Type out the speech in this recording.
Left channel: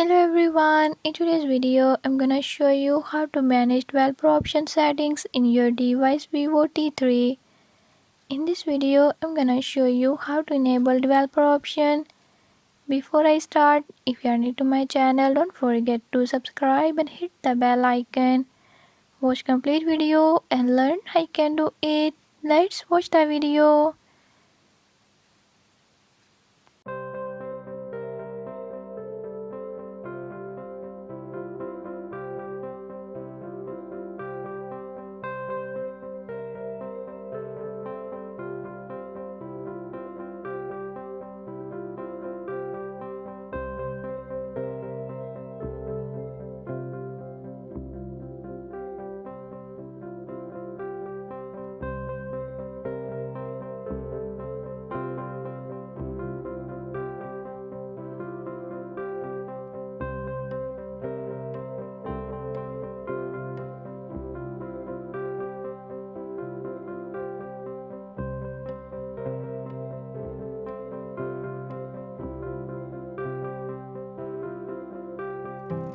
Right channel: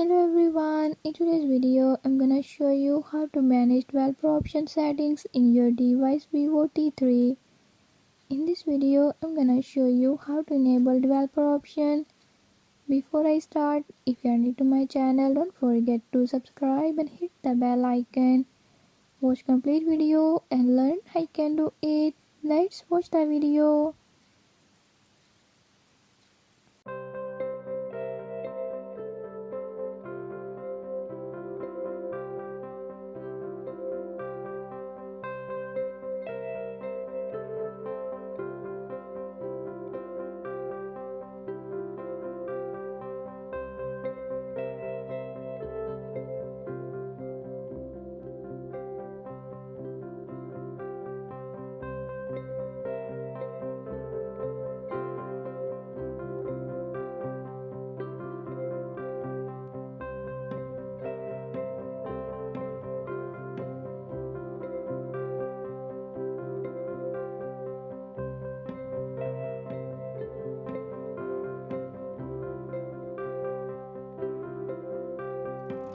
Hello everyone, in today's video I'm gonna show you how to manage developer option settings in your device Vivo T3. In this video I'm gonna show you how to enable developer option. Before I start, if you are new to my channel, don't forget to subscribe and hit the bell icon. Watch complete video and learn how you can do it. Let's watch the video.